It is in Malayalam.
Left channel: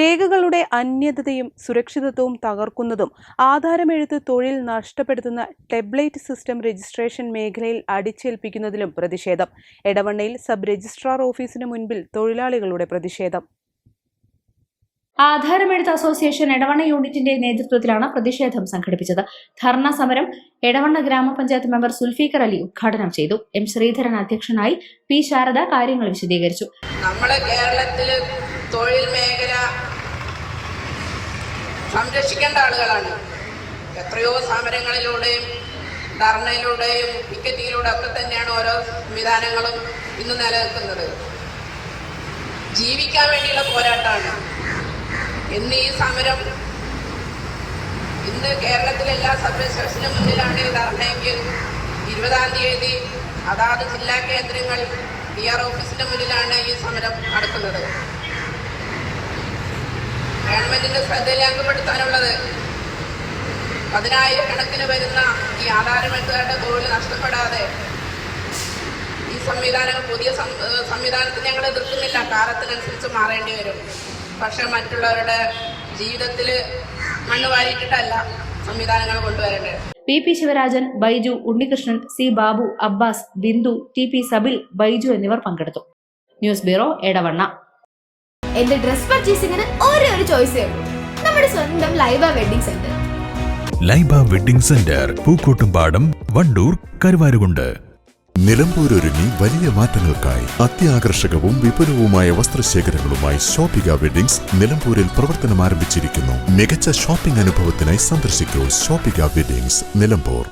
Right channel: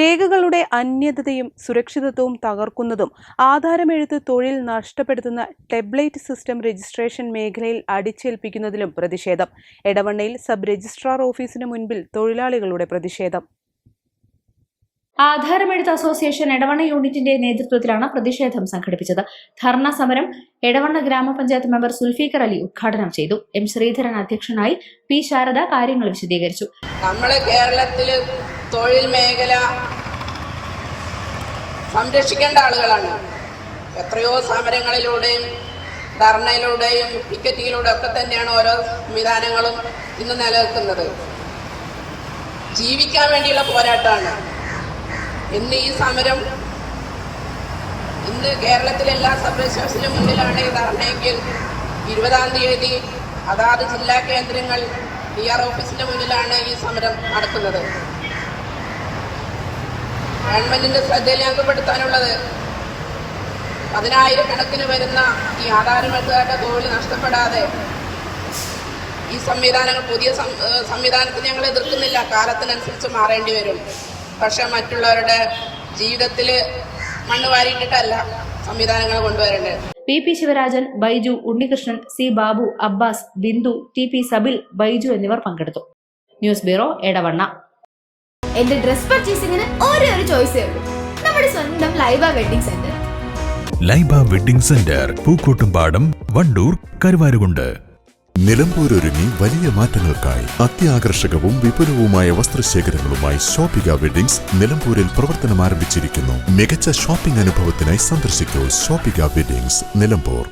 രേഖകളുടെ അന്യതയും സുരക്ഷിതത്വവും തകർക്കുന്നതും ആധാരമെഴുത്ത് തൊഴിൽ നഷ്ടപ്പെടുത്തുന്ന ടെബ്ലൈറ്റ് സിസ്റ്റം രജിസ്ട്രേഷൻ മേഖലയിൽ അടിച്ചേൽപ്പിക്കുന്നതിലും പ്രതിഷേധം. എടവണ്ണയിൽ സബ് രജിസ്ട്രാർ ഓഫീസിന് മുൻപിൽ തൊഴിലാളികളുടെ പ്രതിഷേധം. ആധാരമെഴുത്ത് അസോസിയേഷൻ എടവണ്ണ യൂണിറ്റിന്റെ നേതൃത്വത്തിലാണ് പ്രതിഷേധം സംഘടിപ്പിച്ചത്. ധർണ സമരം എടവണ്ണ ഗ്രാമപഞ്ചായത്ത് മെമ്പർ സുൽഫീഖർ അലി ഉദ്ഘാടനം ചെയ്തു. എം ശ്രീധരൻ അധ്യക്ഷനായി പി ശാരദ കാര്യങ്ങൾ വിശദീകരിച്ചു. നമ്മളെ കേരളത്തിൽ തൊഴിൽ മേഖല സംരക്ഷിക്കേണ്ട ആളുകളാണ്. എത്രയോ സമരങ്ങളിലൂടെയും ധർണയിലൂടെയും ടിക്കറ്റിങ്ങിലൂടെ ഒക്കെ തന്നെയാണ് ഓരോ സംവിധാനങ്ങളും ഇന്ന് നിലനിൽക്കുന്നത്. ജീവിക്കാൻ വേണ്ടിയുള്ള പോരാട്ടമാണ്. ഇന്ന് ഈ സമരം ഇന്ന് കേരളത്തിലെ എല്ലാ സബ് മുന്നിലാണ് ഈ ധർണയെങ്കിൽ ഇരുപതാം തീയതി അതാത് ജില്ലാ കേന്ദ്രങ്ങൾ ഡി ആർ ഓഫീസിന്റെ മുന്നിലാണ് ഈ സമരം നടക്കുന്നത്. ഗവൺമെന്റിന്റെ ശ്രദ്ധയിലേക്കപ്പെടുത്താനുള്ളത് പതിനായിരക്കണക്കിന് വരുന്ന ഈ ആധാരമെഴുത്തുകാരുടെ തൊഴിൽ നഷ്ടപ്പെടാതെ ഈ സംവിധാനങ്ങൾ പുതിയ സംവിധാനത്തെ ഞങ്ങൾ എതിർക്കുന്നില്ല. കാലത്തിനനുസരിച്ച് മാറേണ്ടി വരും. പക്ഷെ മറ്റുള്ളവരുടെ ജീവിതത്തിൽ മണ്ണ് വാരിയിട്ടിട്ടല്ല സംവിധാനങ്ങൾ കൊണ്ടുവരേണ്ടത്. P P Sivarajan Baiju Unnikrishnan C Babu Abbas Bindu T P Sabil Baiju എന്നിവർ പങ്കെടുത്തു. News bureau Edavanna. എന്റെ ഡ്രസ് പർച്ചേസിംഗിന് ഒരേ ഒരു ചോയ്സേ ഉള്ളൂ. നമ്മുടെ സ്വന്തം Laiba wedding centre. Laiba wedding centre Pookkottumpadam Wandoor Karuvarakundu. നിലമ്പൂരൊരുങ്ങി വലിയ മാറ്റങ്ങൾക്കായി അത്യാകർഷകവും വിപുലവുമായ വസ്ത്രശേഖരങ്ങളുമായി ഷോപ്പിക വെഡിങ്സ് നിലമ്പൂരിൽ പ്രവർത്തനം ആരംഭിച്ചിരിക്കുന്നു മികച്ച ഷോപ്പിംഗ് അനുഭവത്തിനായി സന്ദർശിക്കൂ ഷോപ്പിക വെഡിങ്സ് നിലമ്പൂർ.